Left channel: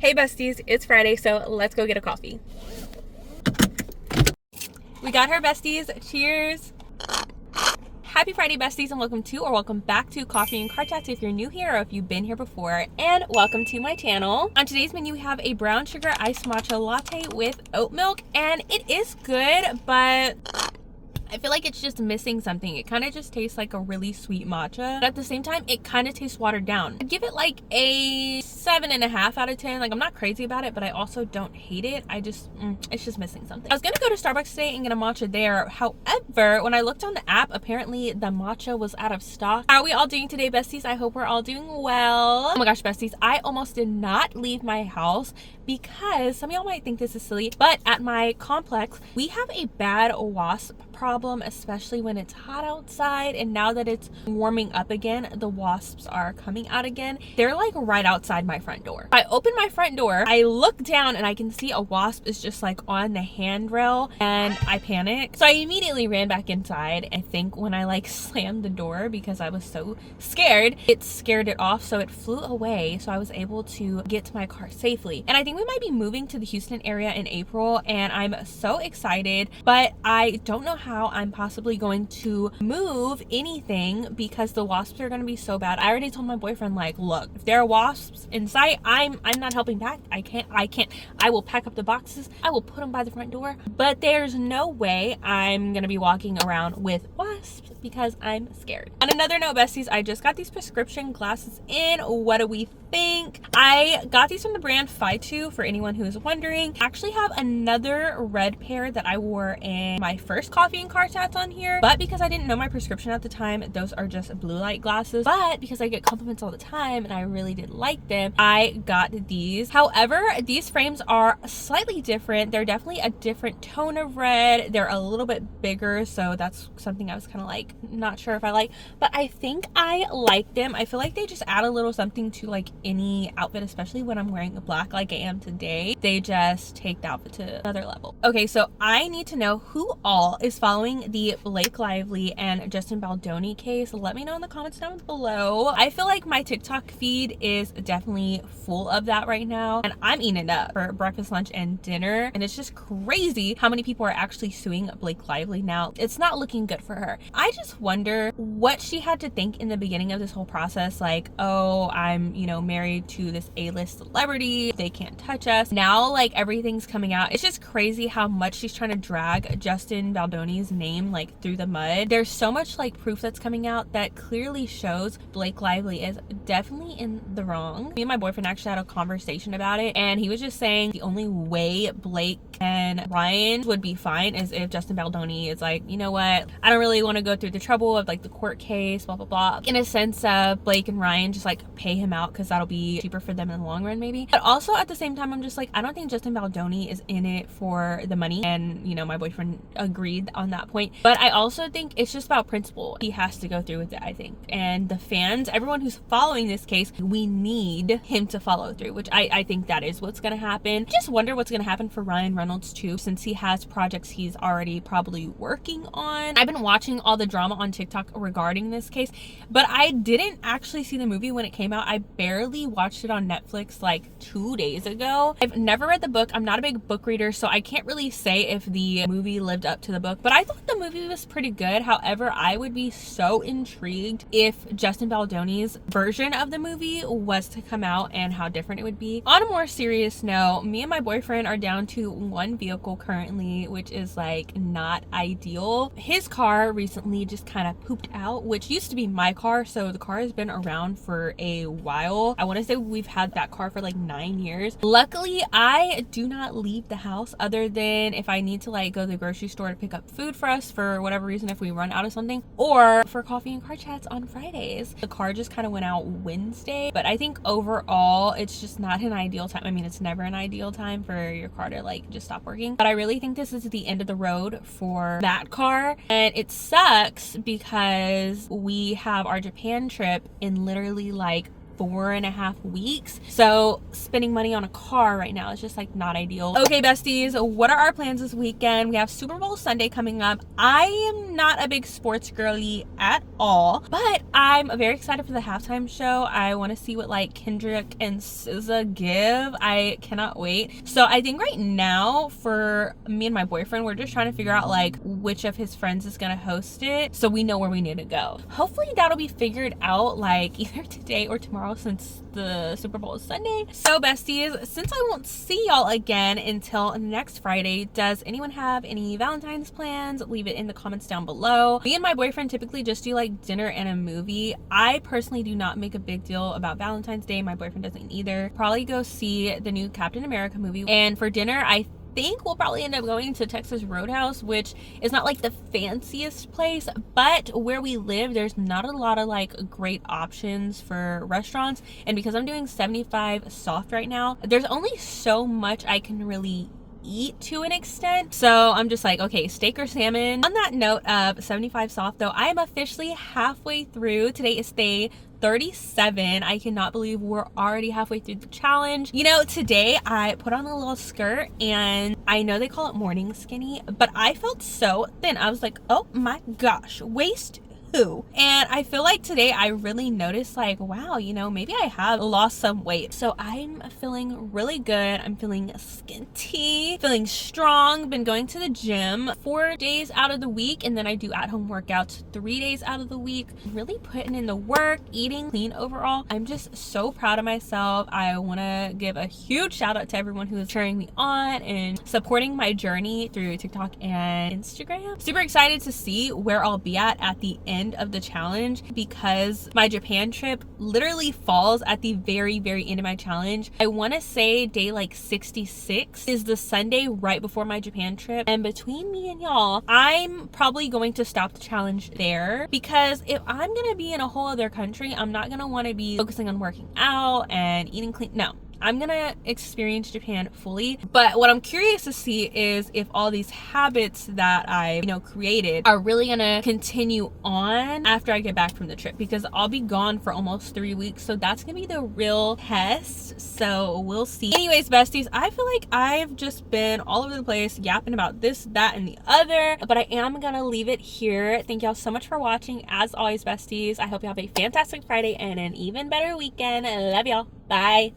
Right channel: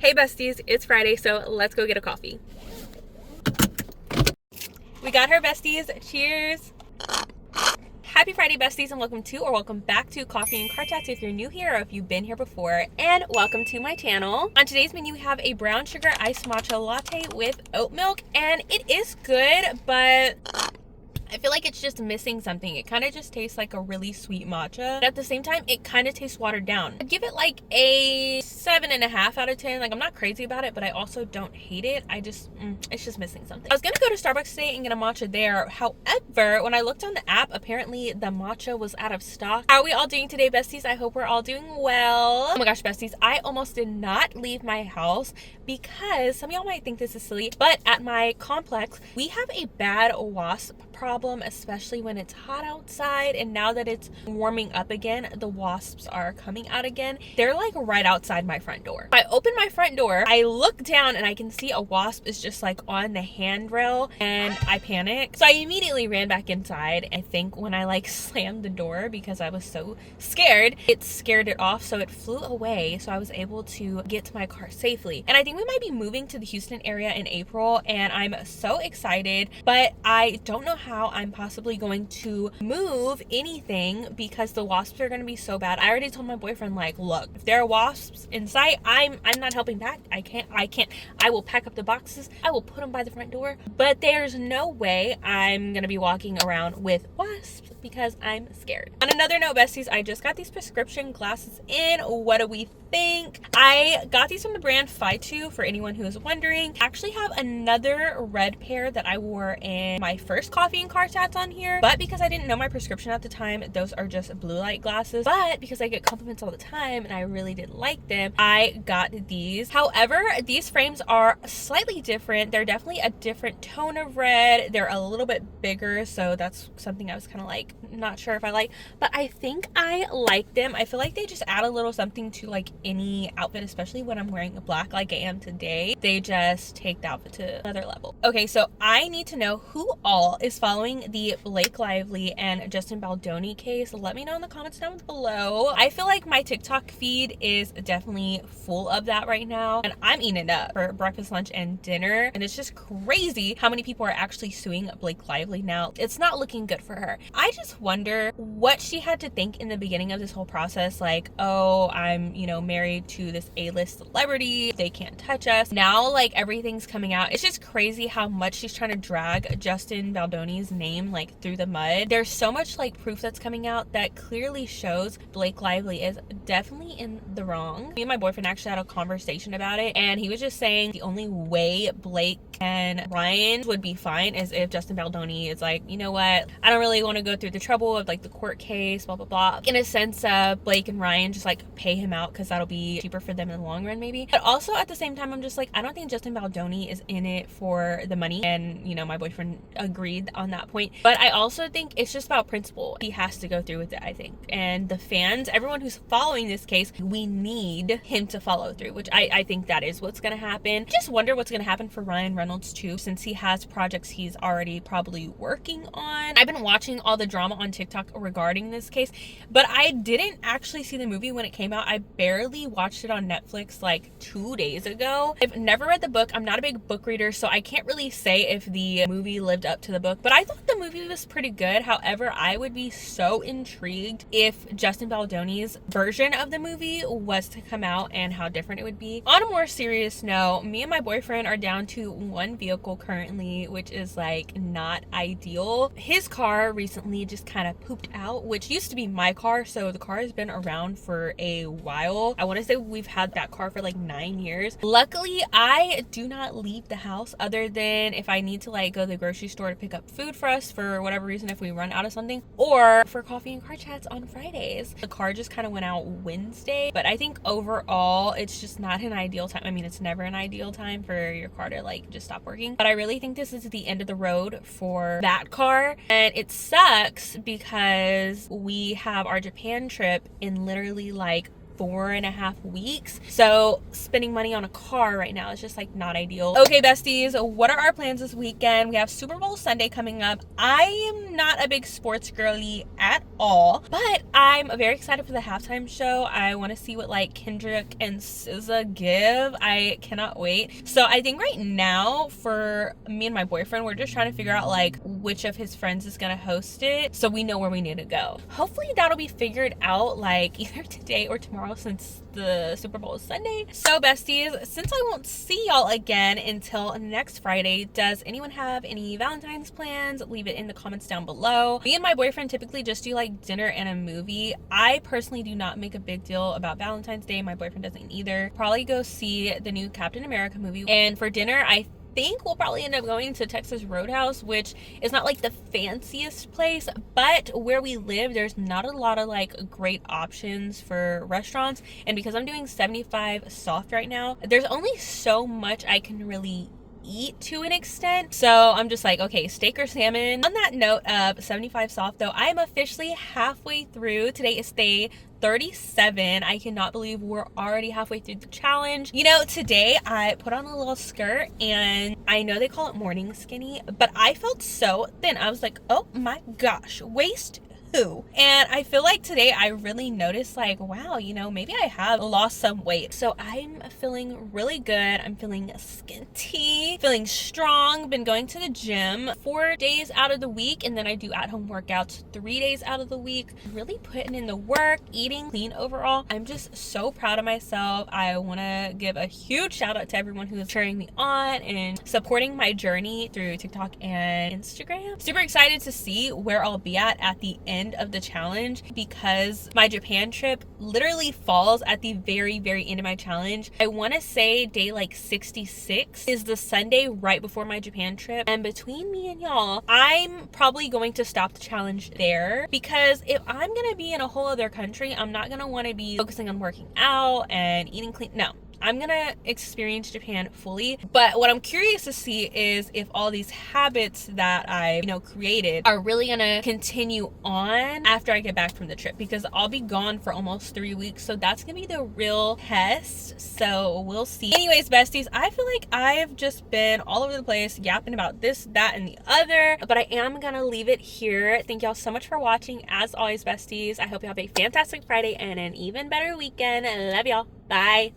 Hey besties, it's Friday, so let's go get a coffee. We got her besties. Cheers. Happy Friday besties, and welcome back to Coffee and Car Chats if you're new here or if you've been here before, and welcome to my channel. On today's menu we have a brown sugar iced matcha latte with oat milk, and it is good, but I feel like it's just missing something. It kind of just tastes like a really sweet matcha, but at the same time it kind of tastes watered down. I'd give it like a 7.5 out of 10. Like, I'm not crazy about it, but I also don't hate it. It's just missing something. I was gonna go to Starbucks today and get a matcha there. However, when I looked on the app, apparently the matcha was out of stock. How are we all doing today, besties? I hope we're all doing well. Oh my gosh, besties, I almost did not leave my house because some of y'all might think this is silly, but at my complex we have a bad wasp problem, especially when it's hot outside, and now that it's warming up again, the wasps are coming out again. They're like right outside my front door. I open my front door, I look down, and I can see a wasp is just like on the handrail, and I panic. So I immediately ran back inside. I think when I like slammed the door because I was so scared, it scared it off, so it flew away, so I was able to get to my car safely. And I think we might be moving to the Houston area in April, and I'm so excited, but I don't know how I'm possibly going to move anything because the wasps are going to be so bad. I already told my boyfriend, like, look, if there are wasps in sight, I'm not helping back. I can't. I will pack up the boxes, I will put them by the front door, but there's no way I'm gonna be walking around with wasps because I'm scared. On another note, besties, I just got these prescription glasses in. What do we think? I got these from the brand Fitu, for anyone who is wondering. I actually have another red pair that I wore in my first Coffee and Car Chats on here, but because I didn't know my prescription at the time, those are just blue light glasses. But because I get compliments all the time and I really did like them, I got these. However, these frames are slightly different. They're definitely a different tone of red. They're a little bit bigger, so that's something I was kind of like not sure if I like, but I think I like them. I feel like they just add a little something to like any outfit, especially when I'm wearing black like I am today. They just take the outfit to another level. Okay, so I need to know who all is following the Blake Lively and Justin Baldoni case. Let me know in the comments down below. I feel like my TikTok feed is definitely full of that right now, and I'm eating it up for breakfast, lunch, and dinner, and it's just crazy how many people are actually suing Blake Lively now. It's not looking good for her. I just wonder what she had to think in the beginning of this whole process, like, oh, I'm, married to this A-list celebrity, they can't touch us. Now, like, everything's coming out. It's just crazy how much she's trying to drag Justin Baldoni's name like through the mud. There's so much like proof that's coming out that clearly shows Blake Lively is definitely in the wrong. Me and my boyfriend actually had a conversation about it, and he was just saying the only way Blake and Ryan would be fine is if Justin Baldoni is like, you know what, I don't really want to go through the trouble of like the court case, blah blah blah. In a sense, Blake and Ryan just like pay him out because that'll be cheaper for them in the long run maybe. But also at the same time, I'm just like, I don't think Justin Baldoni is in it for the money, and my boyfriend agreed on that point. But I also think it's just about principle. He has to go through with it, I think, and the fans, everyone who's following this case, we need him to follow through, which I think that is what's gonna happen. Just wonder what's gonna happen for Ryan Reynolds too, since he has projects he's already probably working on. I've been watching all the drama on TikTok regarding this case, but I didn't actually see the movie when it came out. I barely watched it on Netflix like 2 days ago. I've never read the book. I'm not a big book reader, so I can't really say if the movie lived up to the book, but I thought the movie was pretty good. However, I would be so intrigued if Justin Baldoni's version of the movie was to come out and how different it would be. On a more serious note, me and my boyfriend are down to one vehicle currently, which is like not ideal. His car recently just kind of pooped out, which used to be my car, so the car has been around for a while. I want to say we've had that car for like 9 years. Luckily, I do not leave the house other than if I need to like go to the grocery store to pick up food for us for whatever reason, if we run out of something, or for Coffee and Car Chats on Fridays. The car just kind of went out Wednesday, but I think overall it's just not an ideal time. I mean, it's never an ideal time for your car to like just stop working, but I really think this is the end of the road for that car, and it sucks because we have our Japan trip in literally like 4.5 weeks. So spending money on a car right now is just like not ideal. Okay, besties, what are our plans this weekend? We have Super Bowl Sunday coming up. I am not a big sports girly at all, but I'm very excited for the halftime show. I want to see what like Kendrick and SZA give. I cannot wait. So I think right now for me and my boyfriend, we're just trying to figure out like which of his friends is gonna host it so we know where we need to go. Hopefully that'll be figured out like either today or tomorrow since the Super Bowl is Sunday. So besties, since I won't see y'all again until next Friday, does anyone have any Valentine's plans? Leave it in the comments down below. Me and my boyfriend typically just do like dinner and a movie. I personally do not make a big deal about Valentine's Day. My boyfriend doesn't either. Probably go see the new Captain America movie. And for dinner, I think we'll probably end up going to Texas Roadhouse, which is not like the fanciest place, but where we live there's not a lot of like great options for restaurants, and because I'm doing 75 soft right now, there's only so much I can really eat to an extent. So I'm just like, okay, steak or salmon. On that note of 75 soft though, I am officially halfway through. Today is day 37. I cannot believe we're already halfway through the challenge. You know, today I put on a little skirt, and I know they call it morning skinny, but I felt so thin. I was like, oh my gosh, waist who? And I feel like today I really noticed like, wow, you know, maybe I have lost some weight. So I'm feeling really good. I'm feeling skinty, feeling strong. Been going to the gym 4 days out of the week, and then I do at-home workouts 3 days out of the week. Really putting in the work, eating clean overall. I'm just so proud of myself. I want to give a huge shout out to everyone who is cheering me on and supporting my journey through TikTok and Instagram. Super excited to see where I'll be at the end of the challenge, because my Japan trip literally falls at the very end of my challenge. I want to say day like 66 is the Sunday right before my Japan trip, and between me and y'all, I'm probably going to stop the challenge there, because if I'm gonna be in a whole other country, I'm not gonna want to be focusing on working out and eating clean. No, I'm gonna experience Japan fully. But what I'm curious to see is if all these habits that I, created are really gonna continue on after I get back from the trip, because I'll be gone for almost 3 weeks. So that's gonna be the real test. So we'll see. Anyways, besties, I feel like I've just been all over the place yapping about this, that, and the other, but I am gonna leave it here. Thank y'all so much for watching. As always, besties, I hope you have a fantastic Friday and an even better weekend. I love y'all. Bye.